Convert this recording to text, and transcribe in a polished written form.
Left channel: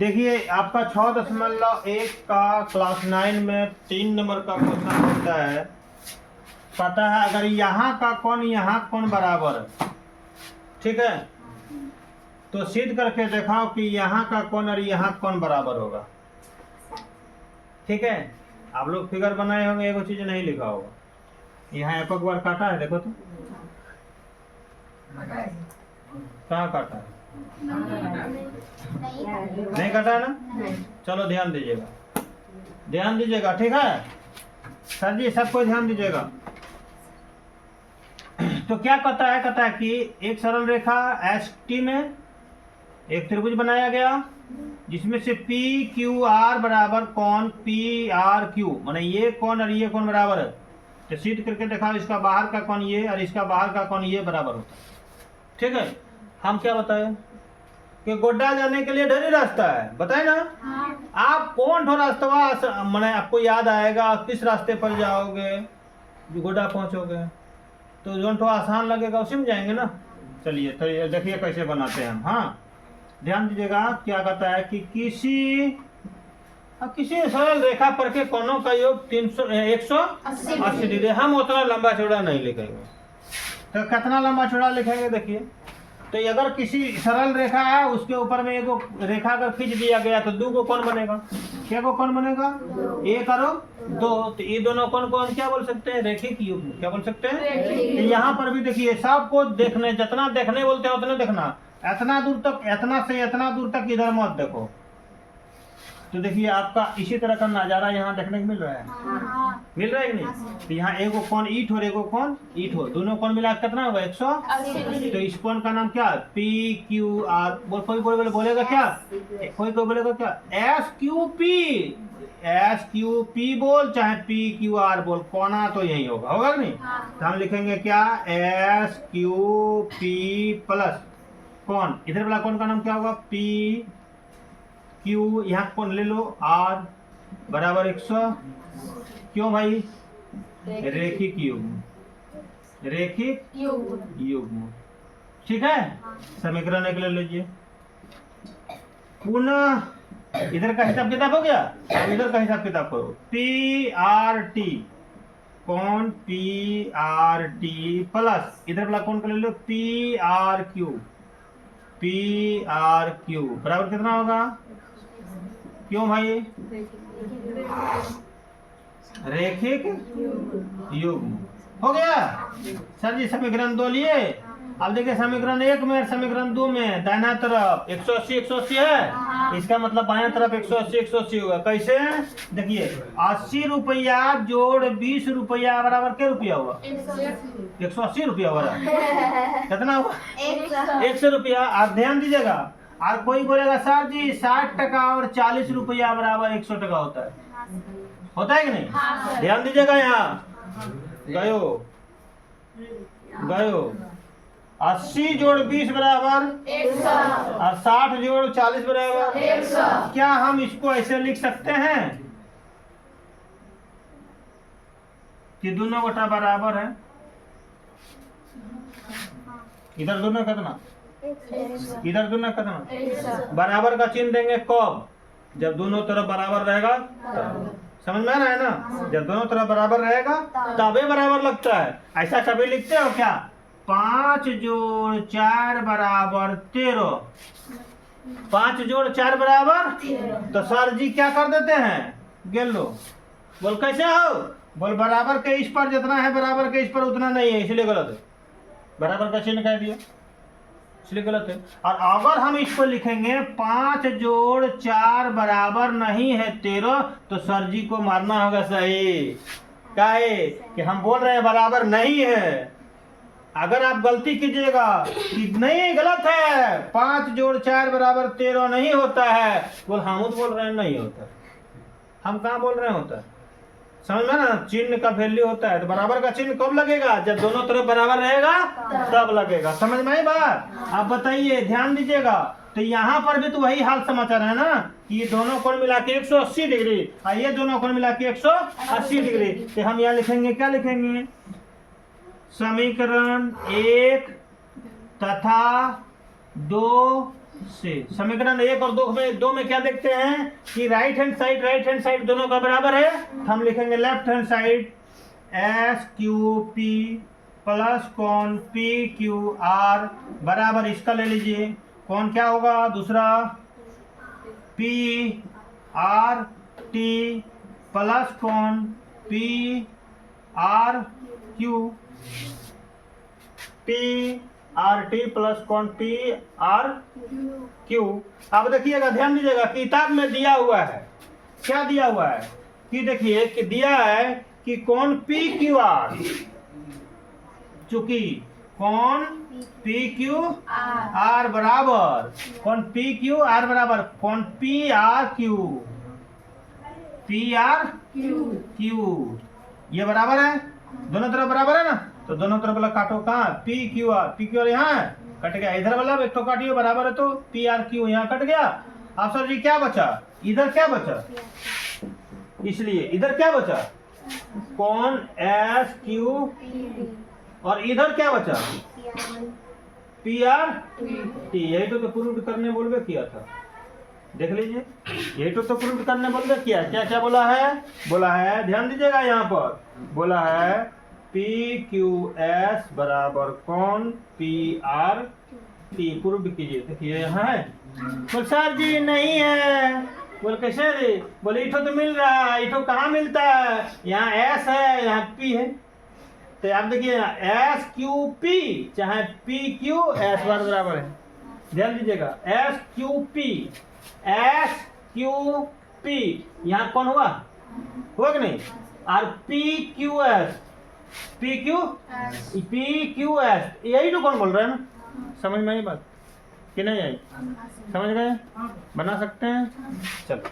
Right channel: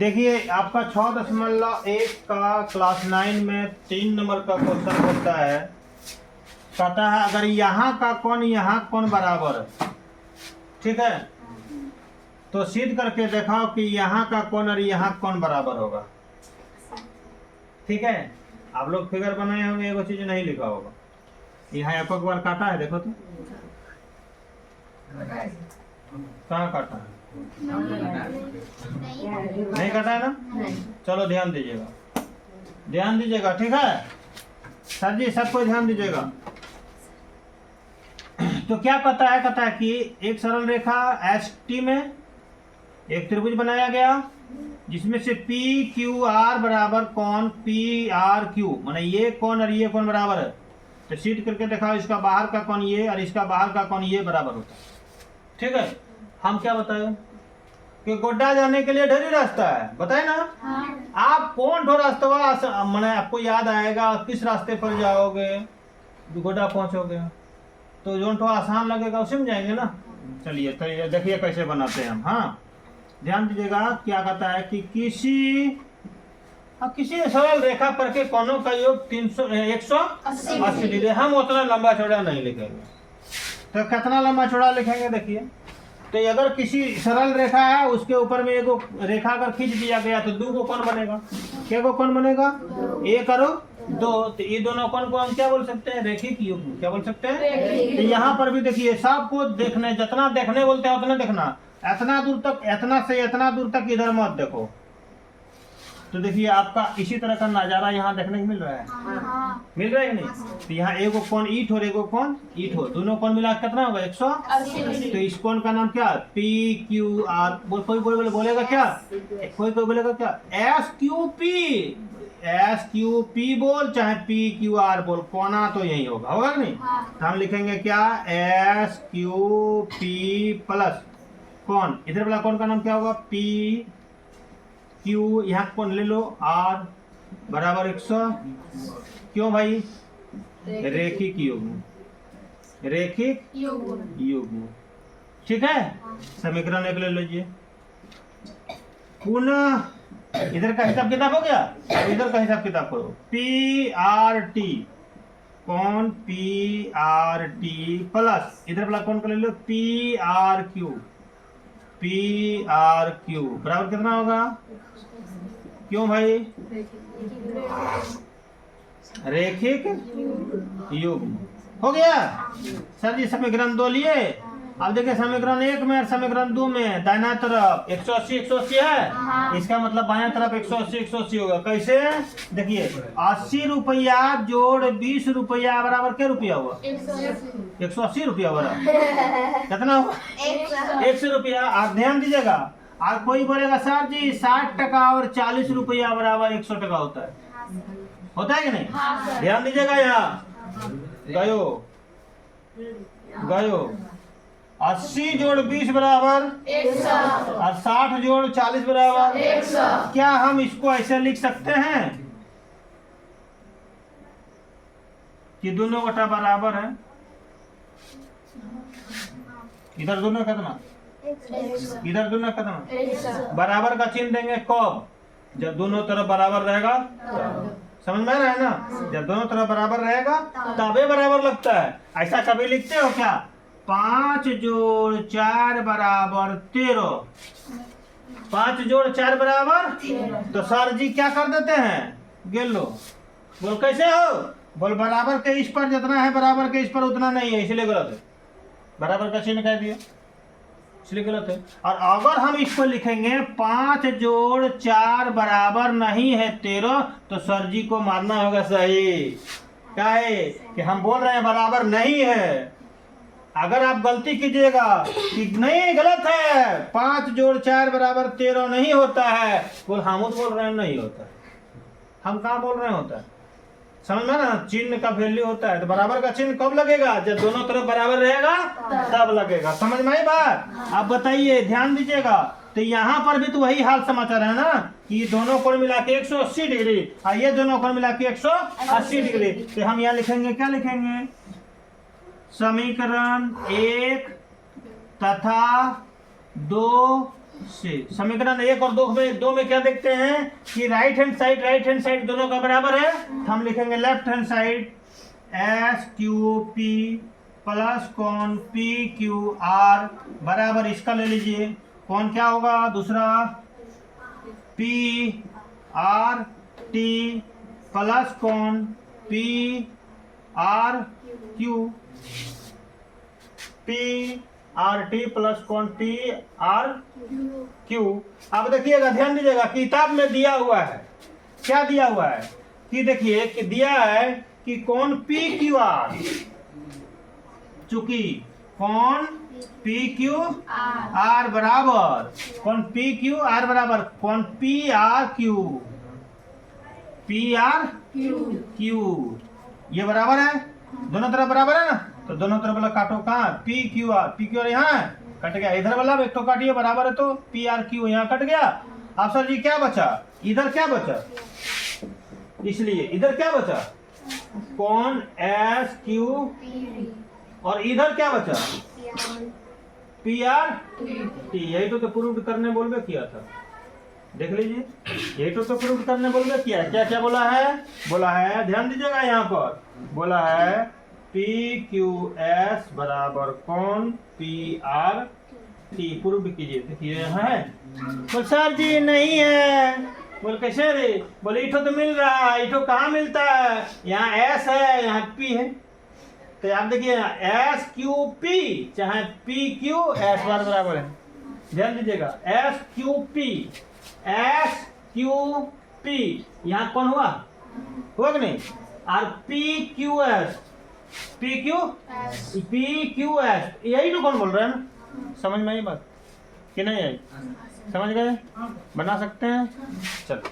देखिए आपका 6.1 का क्लास 9 में 3 नंबर का क्वेश्चन होता है। कहता है अगर यहाँ का कोण बराबर है, ठीक है, तो सिद्ध करके दिखाओ कि यहाँ का कोण और यहाँ कोण बराबर होगा। ठीक है, आप लोग फिगर बनाए होंगे, एगो चीज नहीं लिखा होगा। यहाँ एक बार काटा है, देखो तो कहाँ काटा है? नहीं काटा है ना? चलो ध्यान दीजिएगा, ठीक है सर जी, सबको ध्यान दीजिएगा। तो क्या कहता है कि एक सरल रेखा एस टी में एक त्रिभुज बनाया गया जिसमें से पी क्यू आर बराबर कोण पी आर क्यू, माने ये कोण और ये कोण बराबर है। तो सिद्ध करके दिखाओ इसका बाहर का कोण ये और इसका बाहर का कोण ये बराबर होता है। ठीक है, हम क्या बताए कि गोड्डा जाने के लिए ढेरी रास्ता है, बताए ना। आप कौन ठो रास्ता मैंने आपको याद आएगा, किस रास्ते पर जाओगे जो गोड्डा पहुंचोगे, तो जो ठो आसान लगेगा उसी में जाएंगे ना। चलिए तो ये देखिए कैसे बनाते हैं हम। हाँ ध्यान दीजिएगा, क्या कहता है कि किसी सरल रेखा पर के कोणों का योग 180 डिग्री। हम उतना लंबा चौड़ा नहीं लिखेंगे, तो कितना लंबा चौड़ा लिखेंगे देखिए। तो अगर किसी सरल रेखा है उसके ऊपर में एगो रेखा अगर खींच दिया गया तो 2 गो कोण बनेगा। क्या गो कोण बनेगा? 1 और 2। तो ये दोनों कोण को हम क्या बोल सकते हैं? रेखिक युग्म। क्या बोल सकते हैं? तो यहाँ पर भी देखिए, सबको देखने, जितना देखने बोलते हैं उतना देखना। इतना दूर तक, इतना से इतना दूर तक इधर मत देखो। तो देखिए आपका इसी तरह का नजारा यहाँ देखने को मिल रहा है। मिल रहा है कि नहीं? तो यहाँ एगो कोण ईट और एगो कोण ईट हो, दोनों कोण मिला कितना होगा? 180। तो इस कोण का नाम क्या? P Q are. कोई बोलेगा क्या? कोई बोलेगा क्या? एस क्यू पी बोल, चाहे पी क्यू आर बोल, कोना तो यही होगा कि नहीं? तो हम लिखेंगे क्या? एस क्यू पी प्लस कोण, इधर वाला कोण का नाम क्या होगा? पी क्यू, यहाँ कोण ले लो आर बराबर 100। क्यों भाई? रेखिक युग्म। ठीक है, समीकरण एक ले लीजिए। पुनः इधर का हिसाब किताब हो गया, इधर का हिसाब किताब करो। पी आर टी कोण पी आर टी प्लस इधर वाला कोण का ले लो पी आर क्यू बराबर कितना होगा? क्यों भाई? रेखिक युग्म। हो गया सर जी। समीकरण 2 लिए। अब देखिए समीकरण 1 में और समीकरण 2 में दाहिना तरफ 180 है, इसका मतलब बाएं तरफ 180 होगा। कैसे? देखिए 80 रुपया जोड़ 20 रुपया बराबर क्या रुपया हुआ? 180 रुपया हुआ। कितना हुआ? 100 रुपया। आप ध्यान दीजिएगा, और कोई बोलेगा सर जी 60 टका और 40 रुपया बराबर 100 टका होता है कि नहीं? ध्यान दीजिएगा, यहाँ गयो 80 जोड़ 20 बराबर 100 और 60 जोड़ 40 बराबर 100। क्या हम इसको ऐसे लिख सकते हैं कि दोनों बटा बराबर है? इधर दोनों कितना, इधर दोनों कितना? बराबर का चिन्ह देंगे कब? जब दोनों तरफ बराबर रहेगा। समझ में आ रहा है ना? जब दोनों तरफ बराबर रहेगा तबे बराबर लगता है। ऐसा कभी लिखते हो क्या? 5 जोड़ 4 बराबर 13। 5 जोड़ 4 बराबर, तो सर जी क्या कर देते हैं? गेलो बोल कैसे हो? बोल बराबर के इस पर जितना है बराबर के इस पर उतना नहीं है, इसलिए गलत है। बराबर का चिन्ह कह दिया, इसलिए गलत है। और अगर हम इस पर लिखेंगे 5 जोड़ 4 बराबर नहीं है 13, तो सर जी को मानना होगा सही। क्या है कि हम बोल रहे हैं बराबर नहीं है। अगर आप गलती कीजिएगा कि नहीं गलत है, 5 जोड़ 4 बराबर 13 नहीं होता है, बोल हम बोल रहे हैं नहीं होता है। हम कहाँ बोल रहे हैं होता है? समझ में ना? चिन्ह का वैल्यू होता है। तो बराबर का चिन्ह कब लगेगा? जब दोनों तरफ बराबर रहेगा तब लगेगा। समझ में आई बात? आप बताइए, ध्यान दीजिएगा। तो यहाँ पर भी तो वही हाल समाचार है ना, कि दोनों कोण मिला के 180 डिग्री और ये दोनों कोण मिला के 180 डिग्री। तो हम यहाँ लिखेंगे, क्या लिखेंगे? समीकरण 1 तथा 2 सी। समीकरण 1 और 2 में क्या देखते हैं कि राइट हैंड साइड दोनों का बराबर है। हम लिखेंगे left hand side S Q P plus con P Q R बराबर, इसका ले लीजिए कौन क्या होगा दूसरा, P R T plus con P R Q, P R T plus con P R Q. अब देखिएगा, ध्यान दीजिएगा, किताब में दिया हुआ है, क्या दिया हुआ है कि देखिए कि दिया है कि कौन पी क्यू आर, चूंकि कौन पी क्यू आर बराबर कौन पी क्यू आर बराबर कौन P R Q, P R Q, ये बराबर है, दोनों तरफ बराबर है ना, तो दोनों तरफ वाला काटो, कहाँ पी क्यू आर यहाँ है, कट गया, इधर वाला एक तो काटिए बराबर है, तो पी आर क्यू यहाँ कट गया। आप सर जी क्या बचा, इधर क्या बचा, इसलिए इधर क्या बचा कौन एस क्यू, और इधर क्या बचा पी आर टी। यही तो प्रूव करने बोल के किया था, देख लीजिए, यही तो प्रूव करने बोल के किया। क्या क्या बोला है, ध्यान दीजिएगा, यहाँ पर बोला है पी क्यू एस बराबर कौन पी आर टी, प्रूव कीजिए। देखिए यहाँ है, बोल सर जी नहीं है, बोल कैसे रे, बोले इठो तो मिल रहा है, इठो कहाँ मिलता है, यहाँ एस है यहाँ पी है, तो आप देखिए एस क्यू पी चाहे पी क्यू एस बार बराबर है, ध्यान दीजिएगा, एस क्यू पी यहाँ कौन हुआ कि नहीं, और पी क्यू एस, यही तो कौन बोल रहा है ना, समझ में आई बात कि नहीं आई, समझ गए, बना सकते हैं, चलो।